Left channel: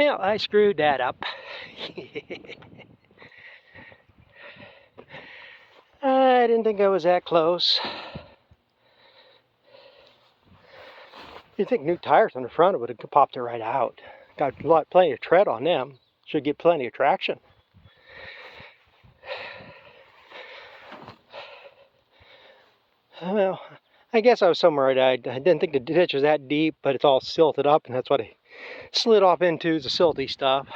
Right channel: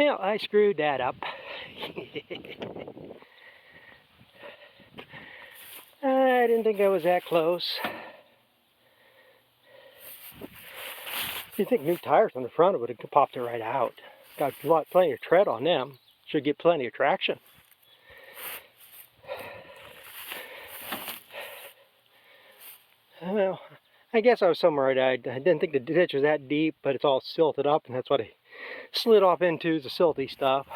Well, I screwed that up. I didn't think I was that close. You'd think new tires on the front would have popped it right out. Got plenty of tread on them. Should get plenty of traction. Well, I guess I was somewhere right. I didn't think the ditch was that deep, but it's all silted up, and that's what I slid off into, is the silty stuff.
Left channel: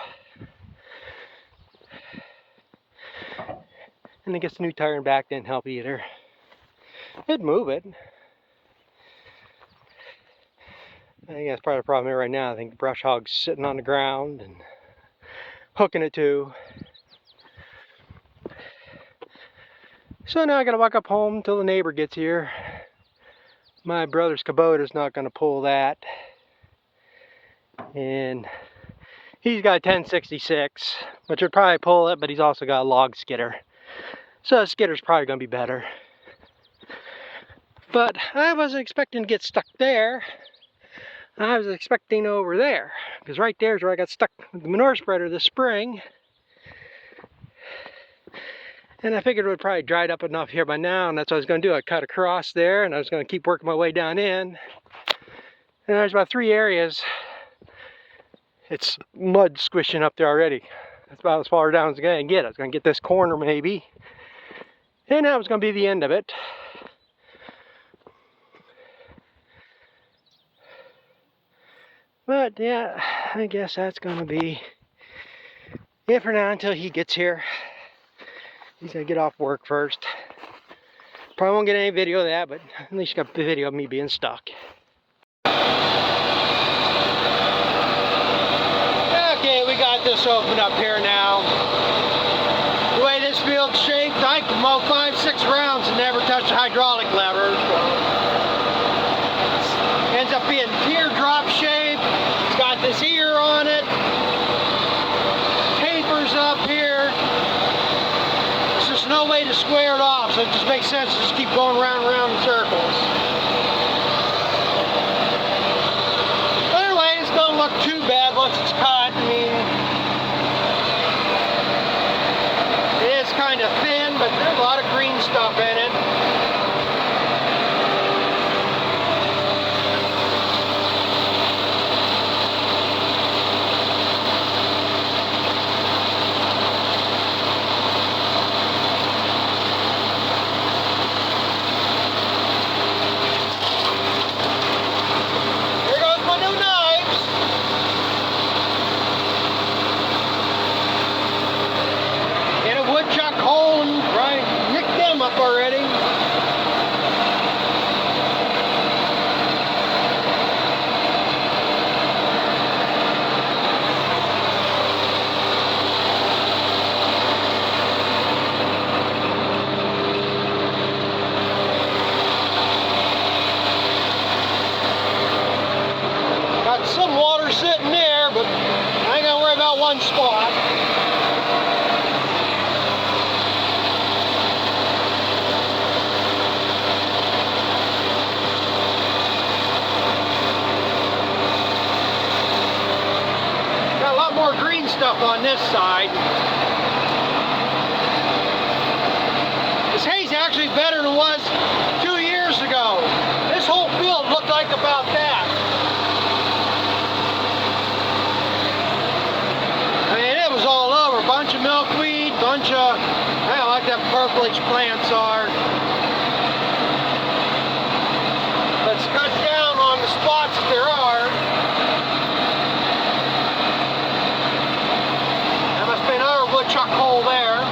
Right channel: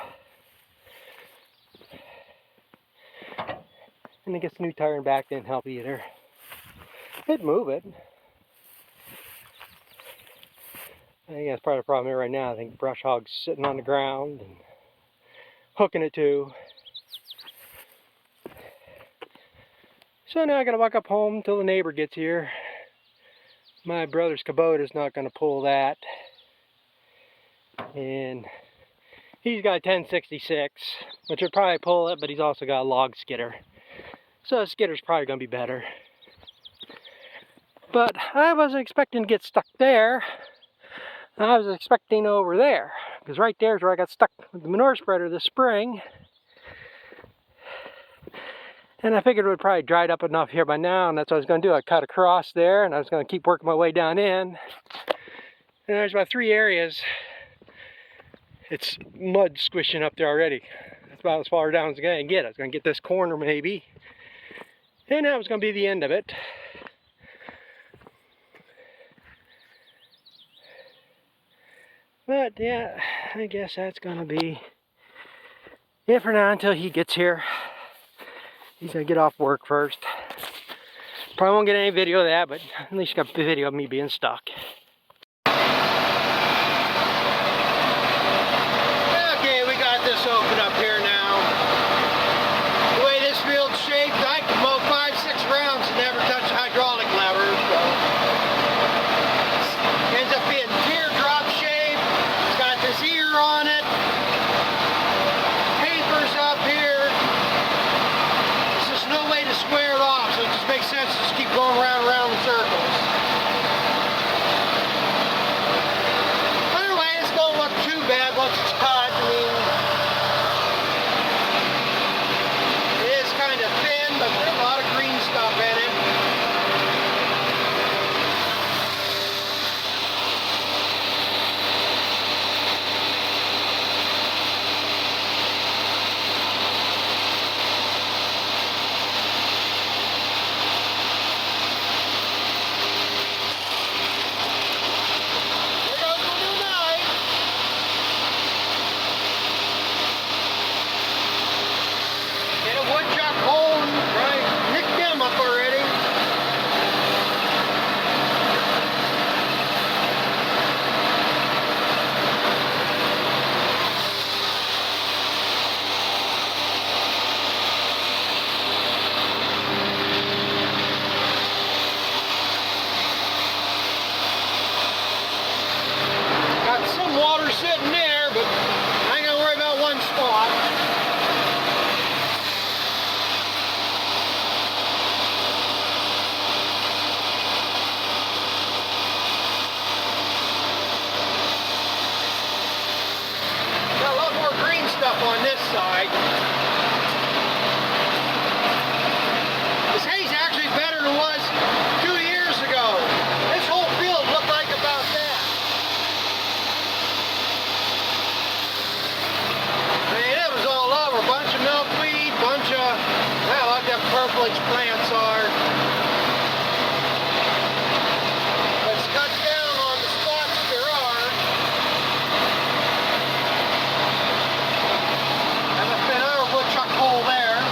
And I guess the new tire in back didn't help either. It'd move it. I think that's part of the problem here right now. I think the brush hog's sitting on the ground and hooking it too. So now I gotta walk up home till the neighbor gets here. My brother's Kubota's not gonna pull that. And he's got a 1066, which would probably pull it, but he's also got a log skidder. So the skidder's probably gonna be better. But I wasn't expecting to get stuck there. I was expecting over there, because right there is where I got stuck with the manure spreader this spring. And I figured it would probably dried up enough here by now, and that's what I was going to do. I cut across there, and I was going to keep working my way down in. And there's about 3 areas. It's mud squishing up there already. That's about as far down as I'm going to get. I was going to get this corner maybe. And that was going to be the end of it. But yeah, I guess that's going to be it for now until he gets here. He's going to get off work first. Probably won't get any video of that, but at least you got the video of me being stuck. Okay, we got this open up here now. The way this field's shaped, I can mow 5-6 rounds and never touch the hydraulic lever. So ends up being teardrop shape. It's got this ear on it. Tapers up here. There's just no way to square it off, so it just makes sense to just keep going round and round in circles. But anyway, it's don't look too bad once it's cut. I mean, it is kind of thin, but there's a lot of green stuff in it. Woodchuck hole, right? Nicked them up already. Got some water sitting there, but I ain't gonna worry about one spot. More green stuff on this side. This hay's actually better than it was 2 years ago. This whole field looked like about that. I mean, it was all over. A bunch of milkweed, bunch of, I don't know what them purplish plants are. Let's cut down on the spots that there are. Been another woodchuck hole there.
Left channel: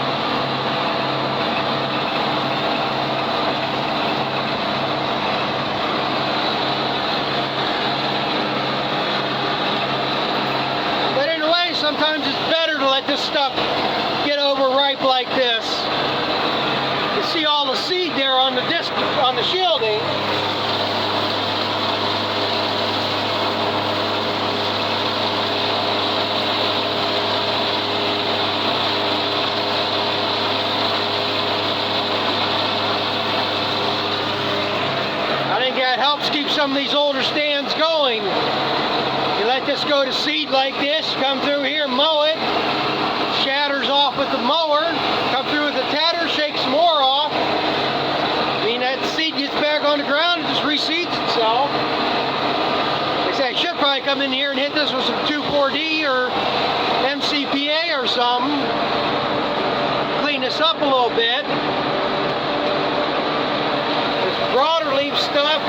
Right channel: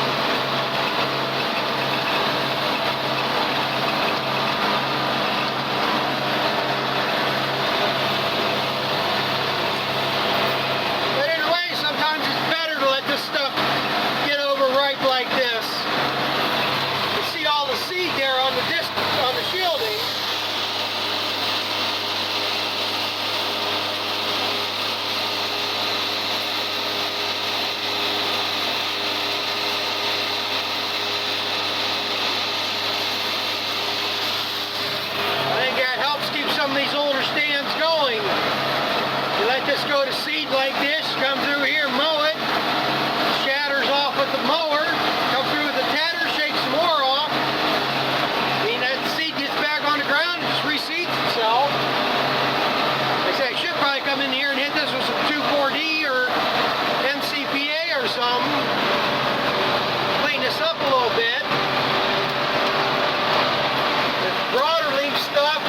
But in a way, sometimes it's better to let this stuff get overripe like this. You see all the seed there on the disc, on the shielding. I think that helps keep some of these older stands going. But I think the new tires are going to be better. They're going to be a little more grip. You let this go to seed like this, come through here, mow it, shatters off with the mower, come through with the tedder, shake some more off. I mean, that seed gets back on the ground, it just reseeds itself. Like I say, I should probably come in here and hit this with some 2,4-D or MCPA or something. Clean this up a little bit. This broader leaf stuff,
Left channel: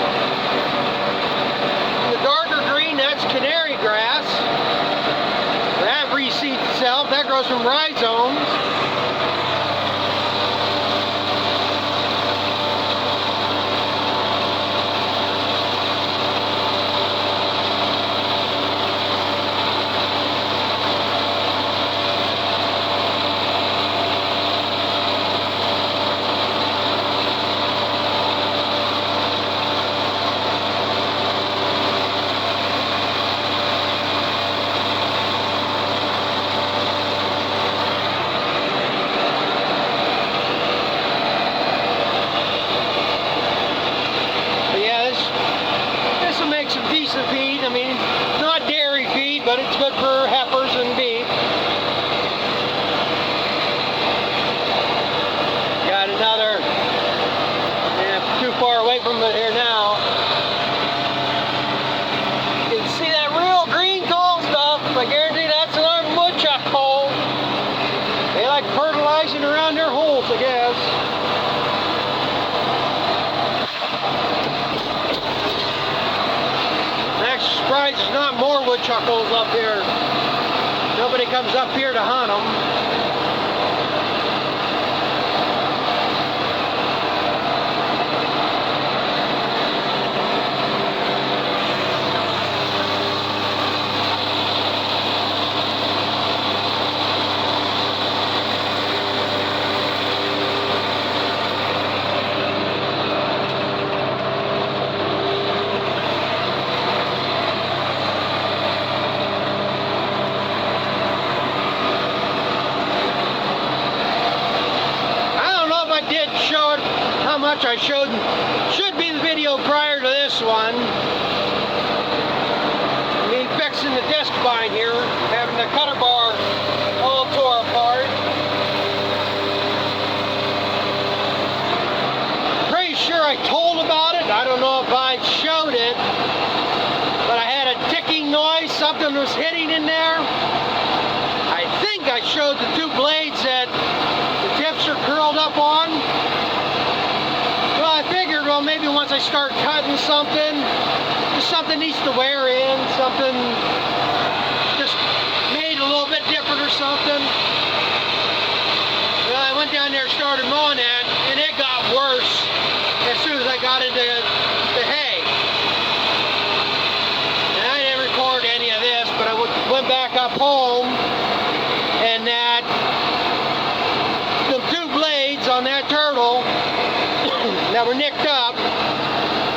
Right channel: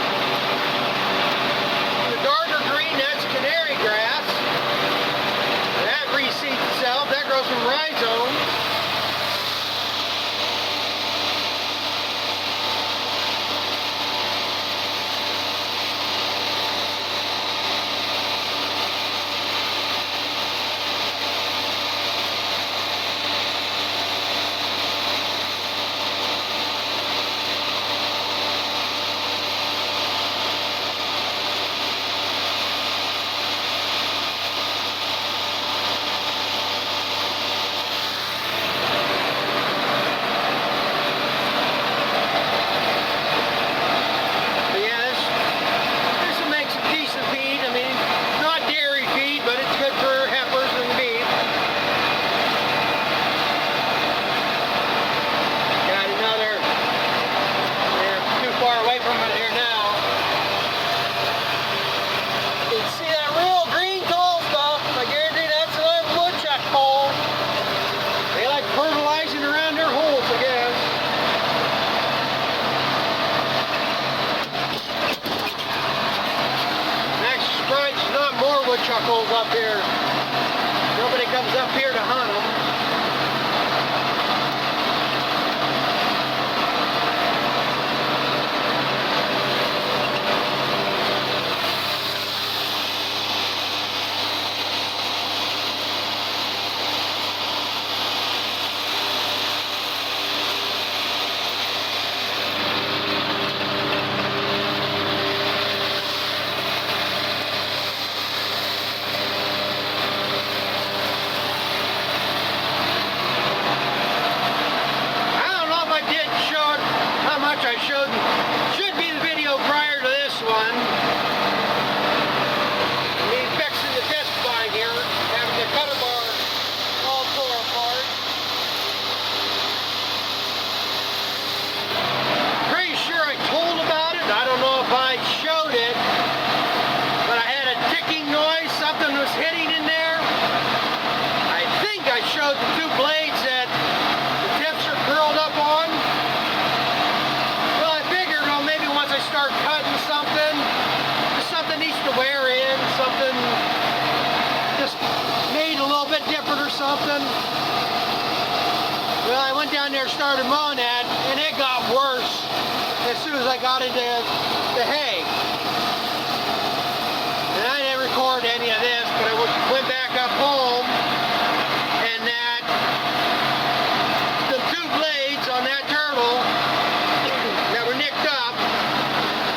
the darker green, that's canary grass. That reseeds itself, that grows from rhizomes. Decent feed. I mean, it's not dairy feed, but it's good for heifers and beef. Got another, too far away from it here now. You can see that real green tall stuff. I guarantee that's another woodchuck hole. They like fertilizing around their holes, I guess. Surprised there's not more woodchuck holes up here. Nobody comes up here to hunt them. How much I showed should be the video prior to this one. Me fixing the disc vine here, having the cutter bar all tore apart. Pretty sure I told about it. I don't know if I showed it, but I had a ticking noise. Something was hitting in there. I think I showed the two blades that the tips are curled up on. Well, maybe once I start cutting something, just something needs to wear in, something just made a little bit different or something. Well, I went down there and started mowing that, and it got worse as soon as I got into the hay. And I didn't record any of this, but I went back up home, and the two blades on that turtle that were nicked up,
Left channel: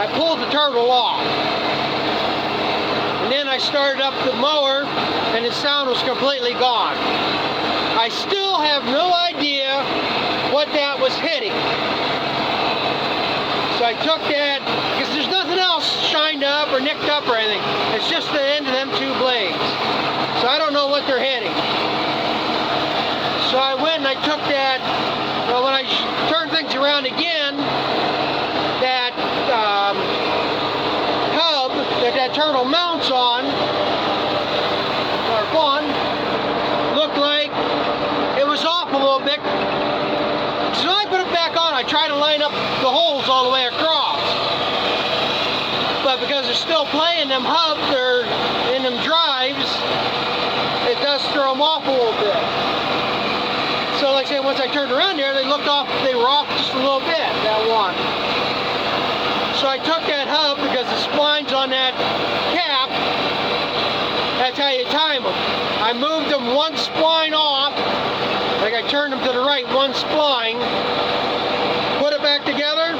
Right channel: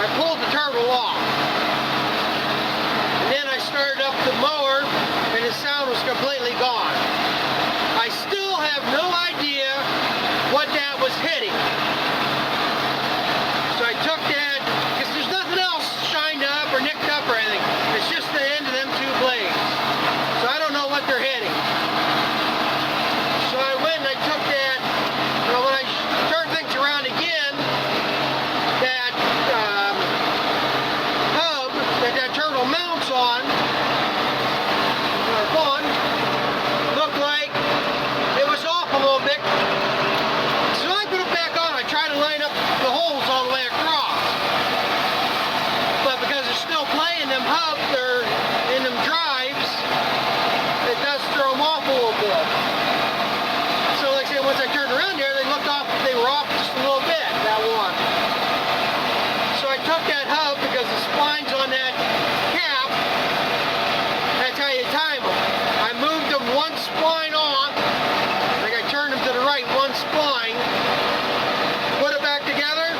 I pulled the turtle off. And then I started up the mower and the sound was completely gone. I still have no idea what that was hitting. So I took that, because there's nothing else shined up or nicked up or anything. It's just the end of them two blades. So I don't know what they're hitting. So I went and I took that, well, when I turned things around again, that hub that turtle mounts on, or bun, looked like it was off a little bit. So I put it back on. I tried to line up the holes all the way across. But because it's still playing them hubs or in them drives, it does throw them off a little bit. So like I say, once I turned around there, they looked off, they were off just a little bit, that one. So I took that hub because the splines on that cap, that's how you time them. I moved them one spline off, like I turned them to the right, one spline, put it back together,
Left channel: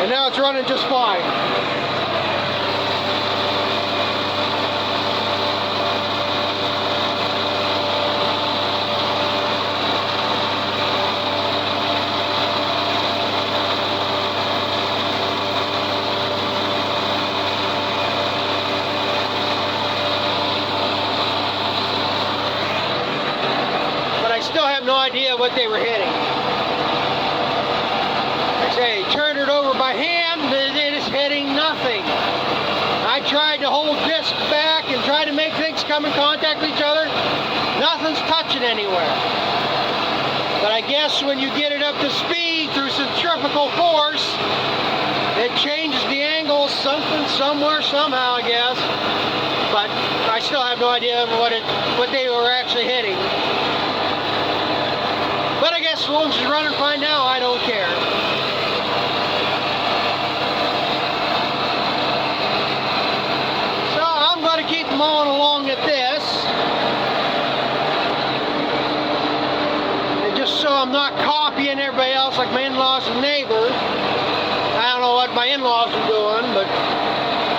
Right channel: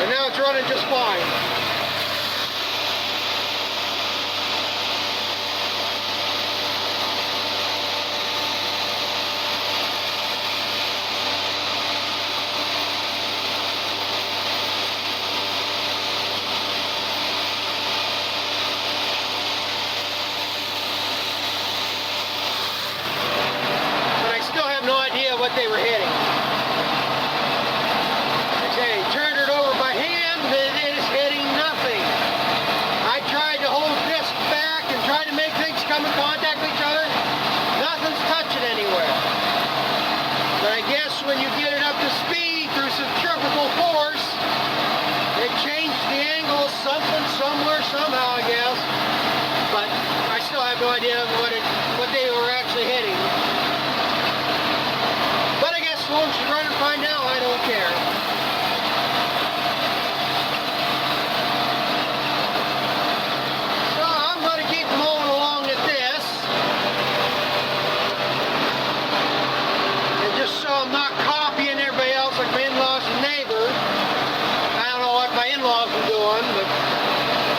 and now it's running just fine. what they were hitting. Like I say, turned it over by hand, it is hitting nothing. I tried to hold disc back and try to make things come in contact with each other. Nothing's touching anywhere. But I guess when you get it up to speed through centrifugal force, it changes the angle something, somewhere, somehow, I guess. But I still have no idea what they were actually hitting. But I guess as long as you run and find out, I don't care. So I'm going to keep mowing along at this. And just so I'm not copying everybody else like my in-laws and neighbors. I don't know what my in-laws are doing, but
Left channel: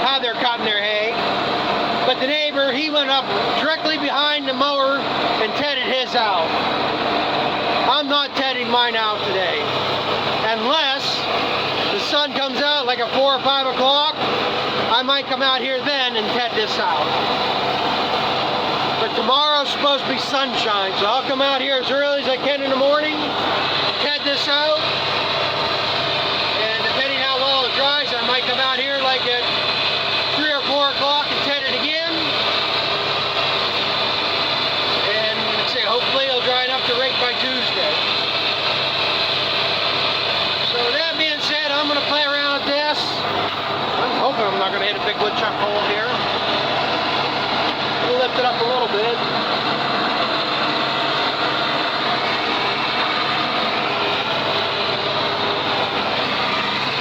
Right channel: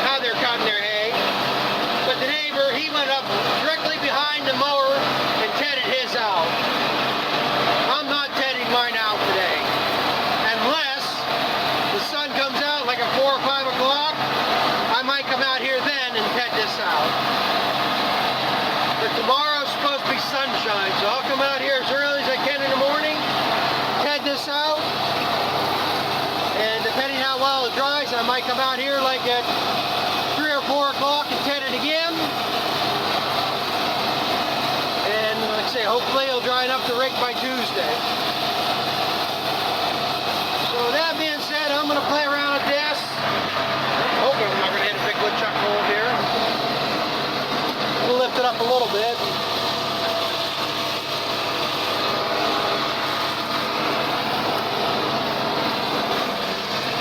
how they're cutting their hay. But the neighbor, he went up directly behind the mower and tedded his out. I'm not tedding mine out today. Unless the sun comes out like at 4 or 5 o'clock, I might come out here then and ted this out. But tomorrow's supposed to be sunshine, so I'll come out here as early as I can in the morning, ted this out. And depending how well it dries, I might come out here like at 3 or 4 o'clock and ted it again. And like I say, hopefully it'll dry enough to rake by Tuesday. So with that being said, I'm going to play around with this. I'm hoping I'm not going to hit a big woodchuck hole here. We'll lift it up a little bit.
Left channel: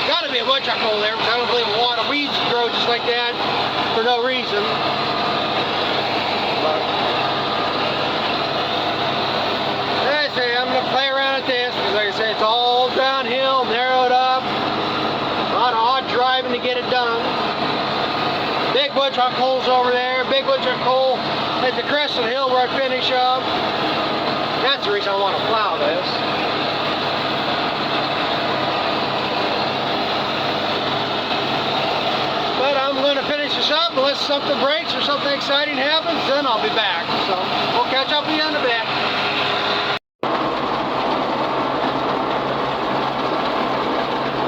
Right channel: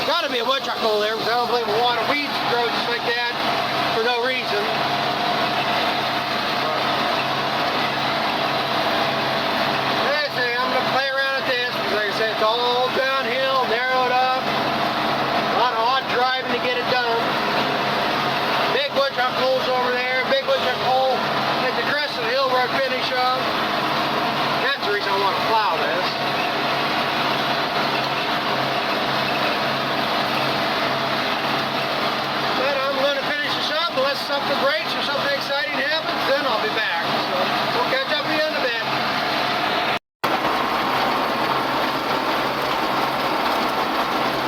Gotta be a woodchuck hole there, because I don't believe a lot of weeds grow just like that for no reason. But as I say, I'm gonna play around with this because, like I said, it's all downhill, narrowed up. A lot of odd driving to get it done. Big woodchuck holes over there, big woodchuck hole at the crest of the hill where I finish up. That's the reason I want to plow this. But I'm going to finish this up unless something breaks or something exciting happens, then I'll be back. So we'll catch up with you in a bit.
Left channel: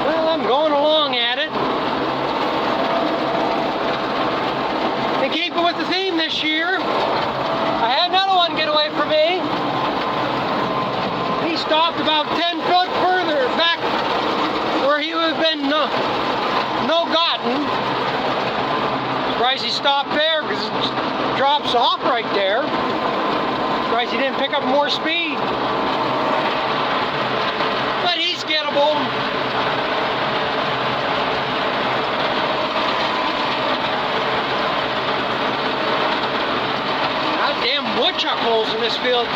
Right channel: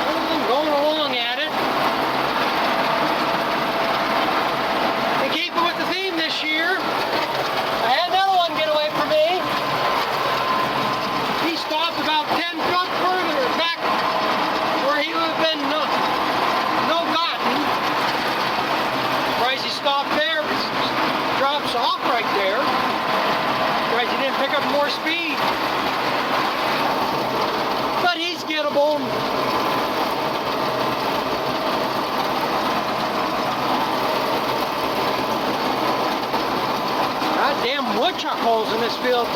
Well, I'm going along at it. To keep with the theme this year, I had another one get away from me. He stopped about 10 foot further back where he would have been no gotten. Surprised he stopped there because it drops off right there. Surprised he didn't pick up more speed. But he's gettable. Goddamn woodchuck holes in this field.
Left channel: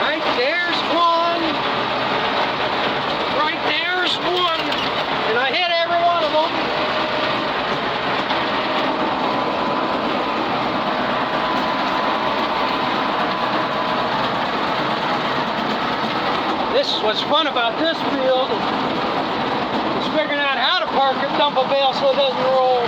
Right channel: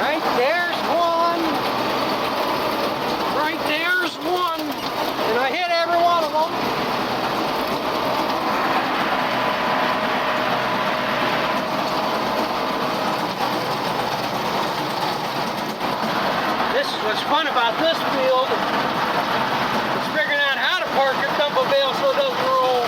Right there's one. Right there's one. And I hit every one of them. This is what's fun about this field. It's figuring out how to park it, dump a bale so it doesn't roll.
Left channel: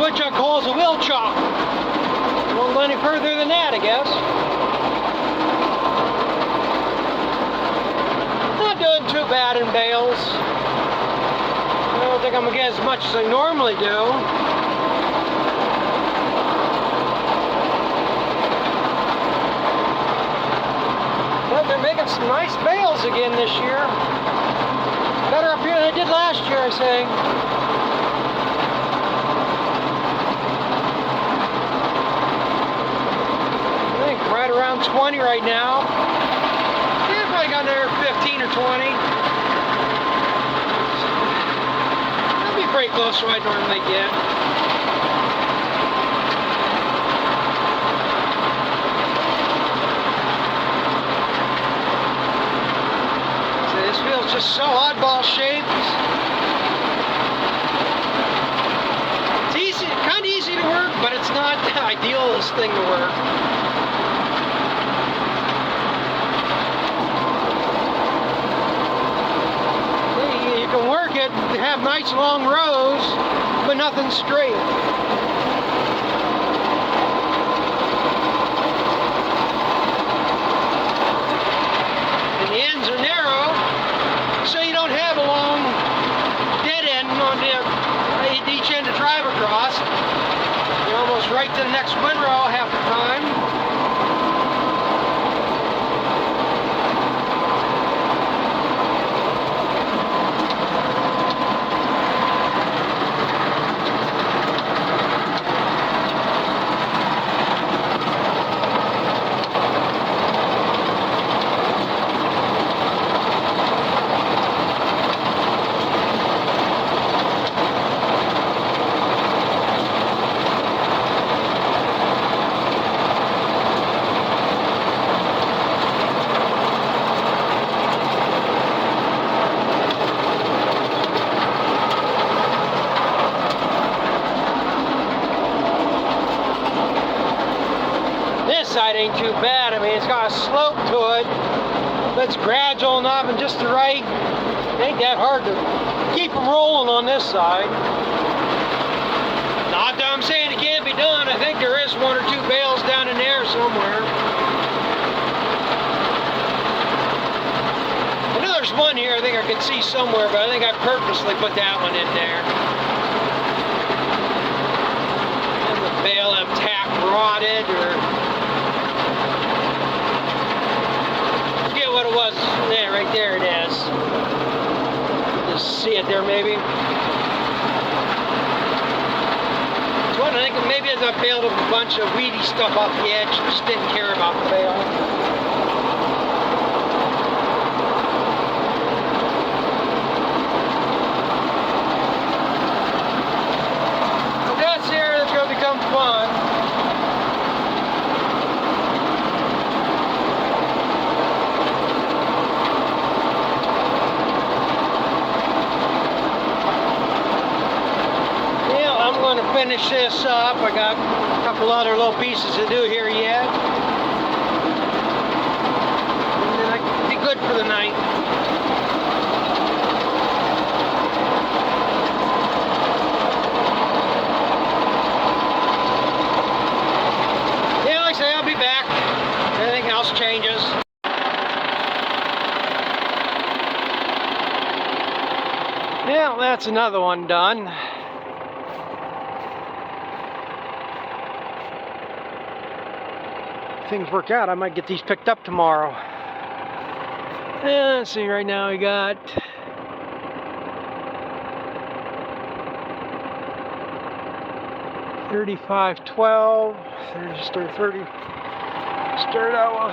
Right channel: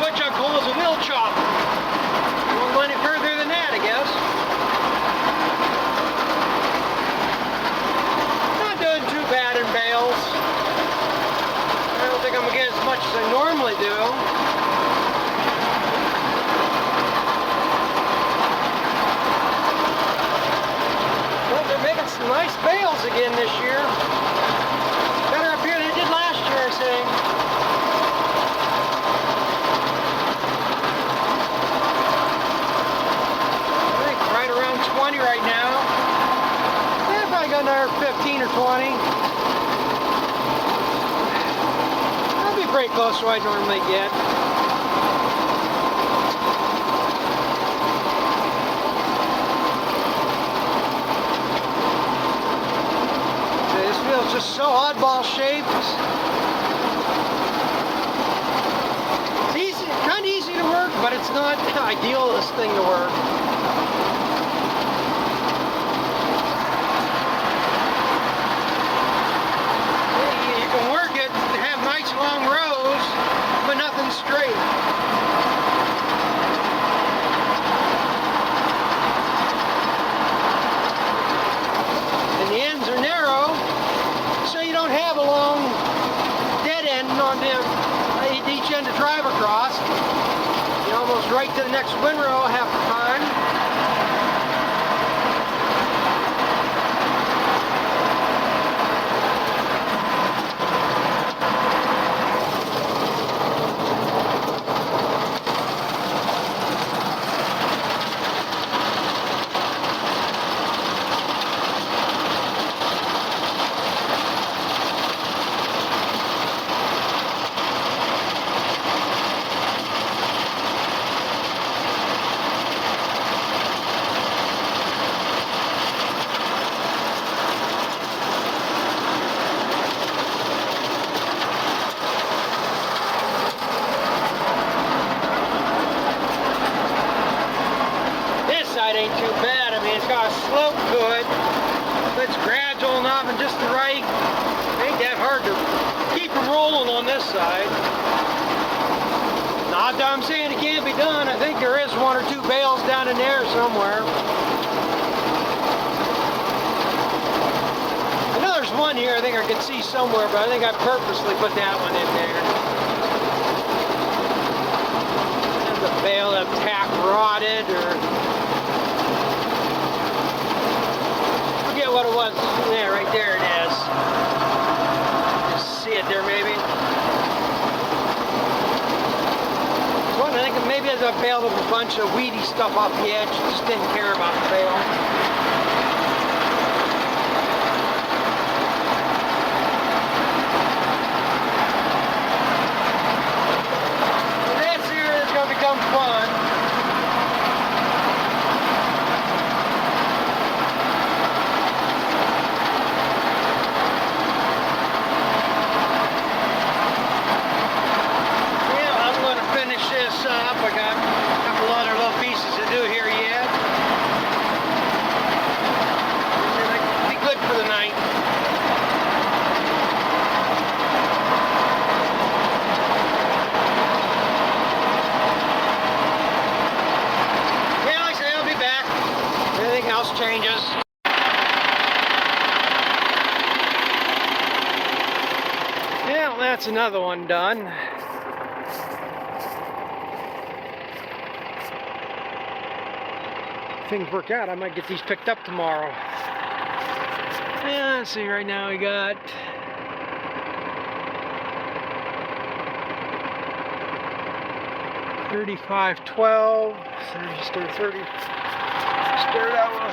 Woodchuck holes a wheel chop. Won't go any further than that, I guess. Not doing too bad in bales. I don't think I'm gonna get as much as I normally do. But they're making some nice bales again this year. Better up here than they did last year, I say. Right around 20 right now. Yeah, probably got another 15 or 20. That'll be pretty close to what I normally get. just so oddball shaped. It's easy, kind of easy to work, but it's not the idealist thing to work. You can work it, have nice long rows, but nothing straight. And the ends are narrow, so you don't have a long dead end on each end to drive across. You're almost right to the next windrow half the time. Side ain't too bad. I mean, it's got a slope to it, but it's gradual enough and just the right. It ain't that hard to keep them rolling on this side. Not that I'm saying it can't be done. I think there is one or two bales down in there somewhere. I know there's one here I think I can see somewhere, but I think I purposely put that one in there. There's a bale that tack rotted or what it was. Yeah, right there it is. Just see it there maybe. It's one I think maybe as I baled a bunch of weedy stuff off the edge, just didn't care about the bale. Well, that's here, it's going to become fun. Finish this up. I got a couple other little pieces to do here yet. And then I can be good for the night. Yeah, like I say, I'll be back if anything else changes. Yeah, well, that's another one done. Things work out, I might get these picked up tomorrow. And let's see, right now we got $35.12, 30. Stir that one.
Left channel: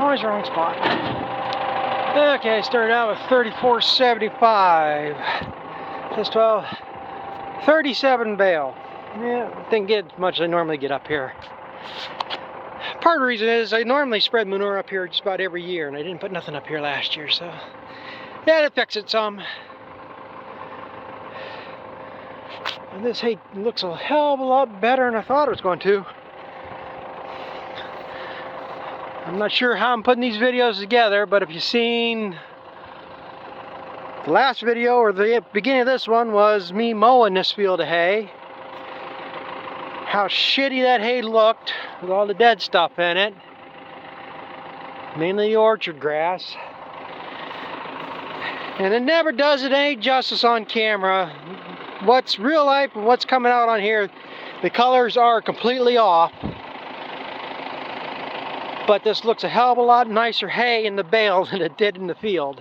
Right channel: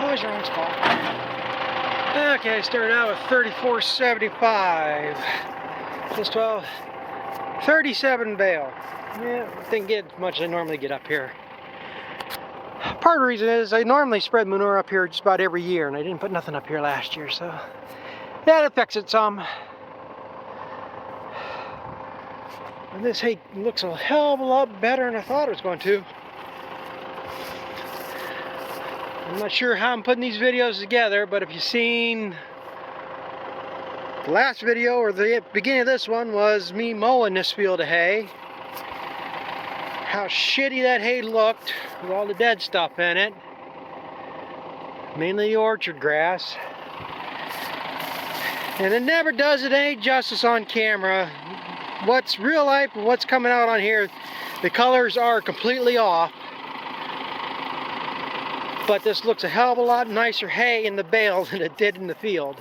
Always wrong spot. Okay, started out with $34.75. Just 12. 37 bale. Yeah, didn't get as much as I normally get up here. Part of the reason is I normally spread manure up here just about every year, and I didn't put nothing up here last year, so that affects it some. And this hay looks a hell of a lot better than I thought it was going to. I'm not sure how I'm putting these videos together, but if you've seen the last video, or the beginning of this one, was me mowing this field of hay. How shitty that hay looked with all the dead stuff in it. Mainly the orchard grass. And it never does it any justice on camera. What's real life and what's coming out on here, the colors are completely off. But this looks a hell of a lot nicer hay in the bales than it did in the field.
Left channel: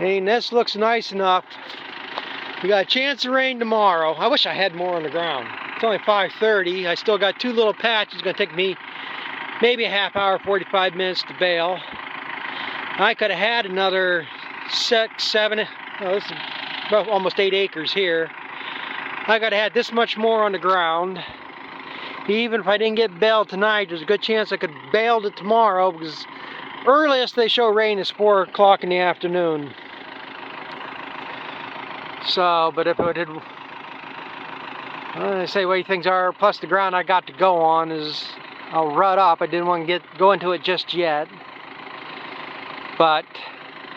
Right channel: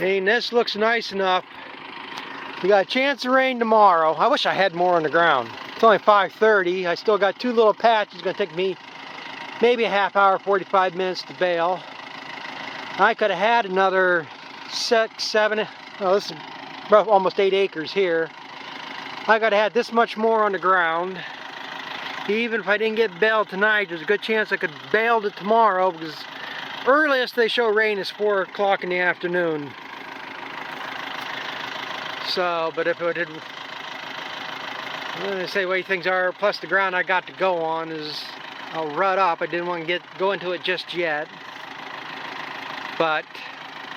And this looks nice enough. We got a chance of rain tomorrow. I wish I had more on the ground. It's only 5:30. I still got two little patches. It's going to take me maybe a half hour, 45 minutes to bale. I could have had another 6, 7, oh, this is almost 8 acres here. I could have had this much more on the ground. even if I didn't get baled tonight, there's a good chance I could bale it tomorrow, because earliest they show rain is 4 o'clock in the afternoon. So, but if it did, I say the way things are, plus the ground I got to go on is I'll rut up. I didn't want to go into it just yet, but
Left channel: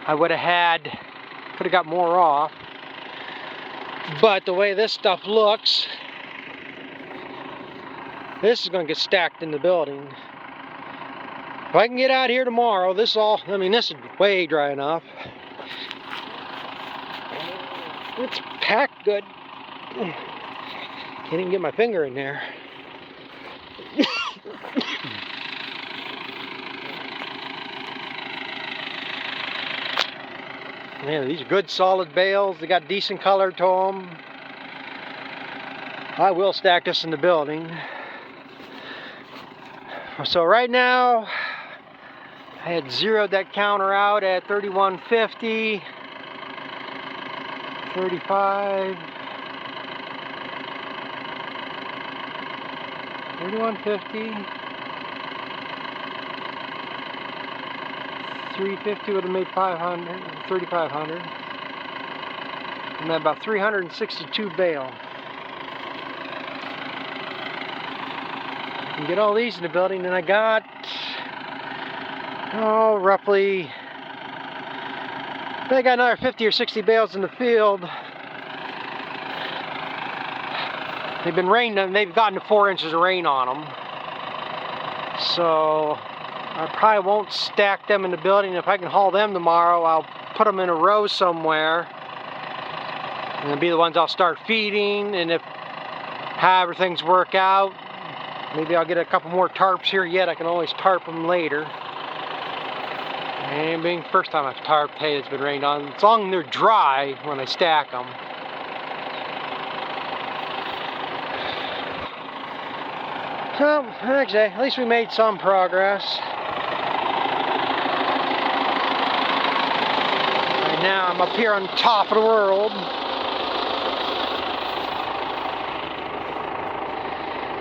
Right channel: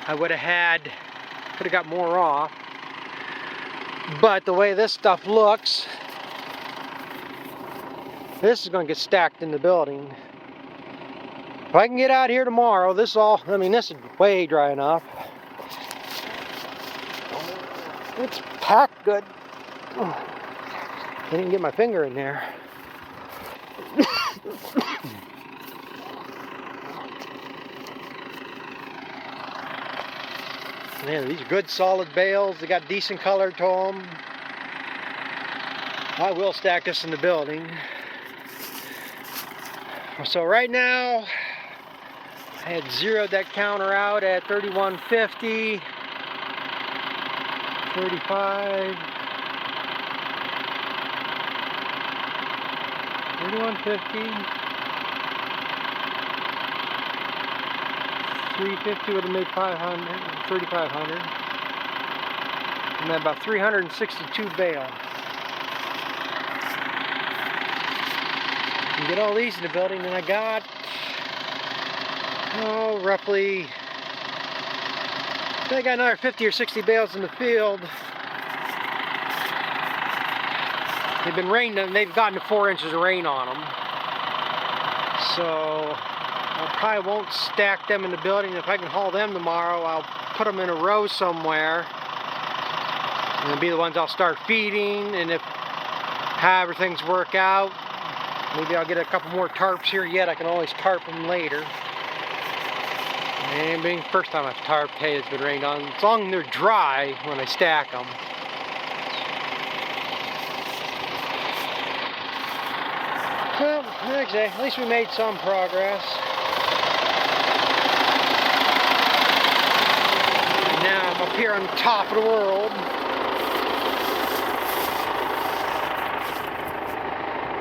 I could have got more off. But the way this stuff looks, this is going to get stacked in the building. If I can get out here tomorrow, this is all, I mean, this is way dry enough. It's packed good. Can't even get my finger in there. Man, these are good solid bales. They got decent color to them. I will stack this in the building. So right now, I had zeroed that counter out at 3150, 35, 3150. 350 would have made 500, 3,500, and then about 362 bale. You get all these in the building, and I got, roughly, I got another 50 or 60 bales in the field. They've been raining, they've gotten to 4 inches of rain on them. So I probably won't stack them in the building. If I can haul them tomorrow, I'll put them in a row somewhere. And they'll be the ones I'll start feeding. And if however things work out, maybe I'll get a couple more tarps here yet. I can always tarp them later. And being the first time I've tarped hay that's been rained on, as long as they're dry when I stack them. So, actually, at least we made some progress. And now I'm up here on top of the world.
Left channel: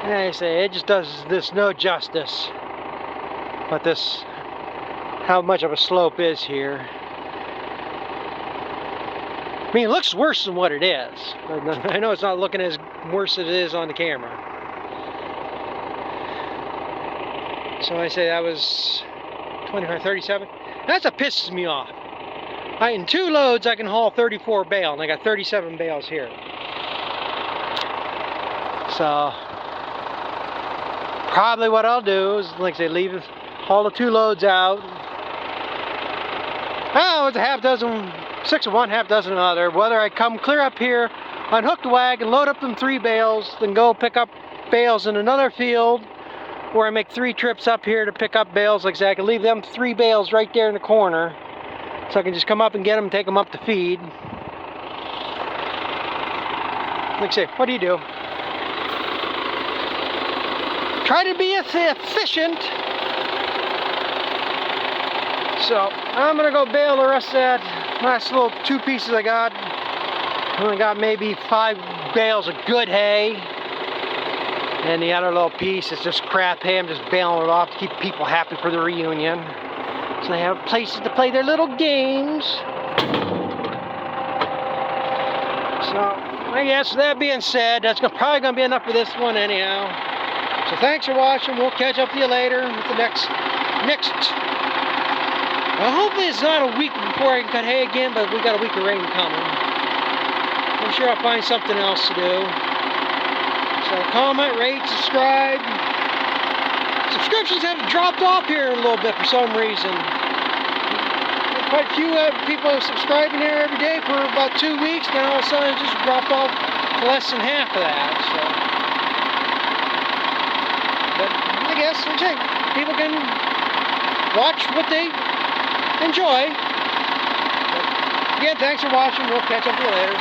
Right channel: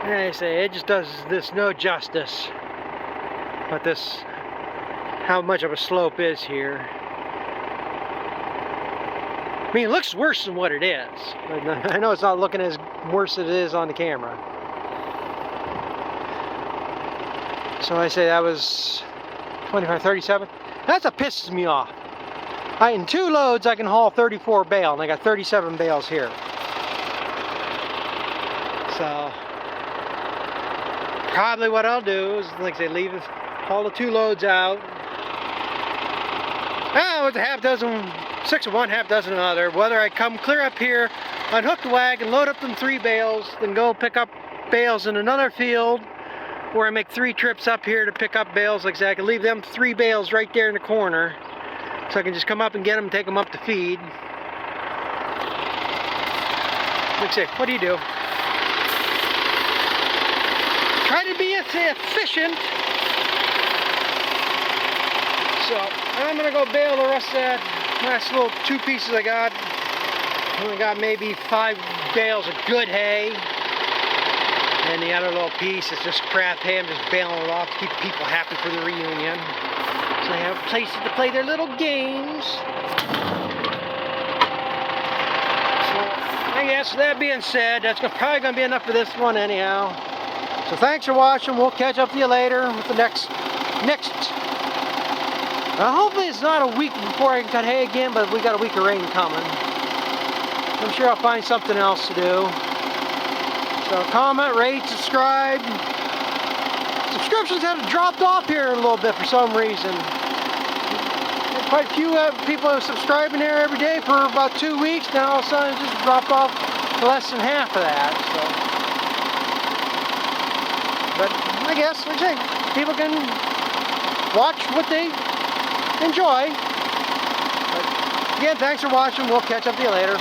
And I say, it just does this no justice. But this, how much of a slope is here. I mean, it looks worse than what it is. I know it's not looking as worse as it is on the camera. So I say that was 25, 37. That's what pisses me off. In 2 loads I can haul 34 bale, and I got 37 bales here. So probably what I'll do is, like I say, haul the 2 loads out. It's a half dozen, 6 of one, half dozen of another. Whether I come clear up here, unhook the wagon, load up them 3 bales, then go pick up bales in another field, or I make 3 trips up here to pick up bales. Like I said, I can leave them 3 bales right there in the corner, so I can just come up and get them and take them up to feed. Like I say, what do you do? Try to be efficient. So I'm gonna go bale the rest of that last little 2 pieces I got. I only got maybe 5 bales of good hay. And the other little piece is just crap hay. I'm just bailing it off to keep people happy for the reunion. So they have places to play their little games. So I guess that being said, that's probably going to be enough for this one anyhow. So thanks for watching. We'll catch up with you later with the next. Hopefully it's not a week before I can cut hay again, but we got a week of rain coming. I'm sure I'll find something else to do. So comment, rate, subscribe. Subscriptions have dropped off here a little bit for some reason. Quite a few people are subscribing here every day for about 2 weeks. Now all of a sudden it just dropped off to less than half of that. So, but I guess, like I say, people can watch what they enjoy. But again, thanks for watching. We'll catch up with you later.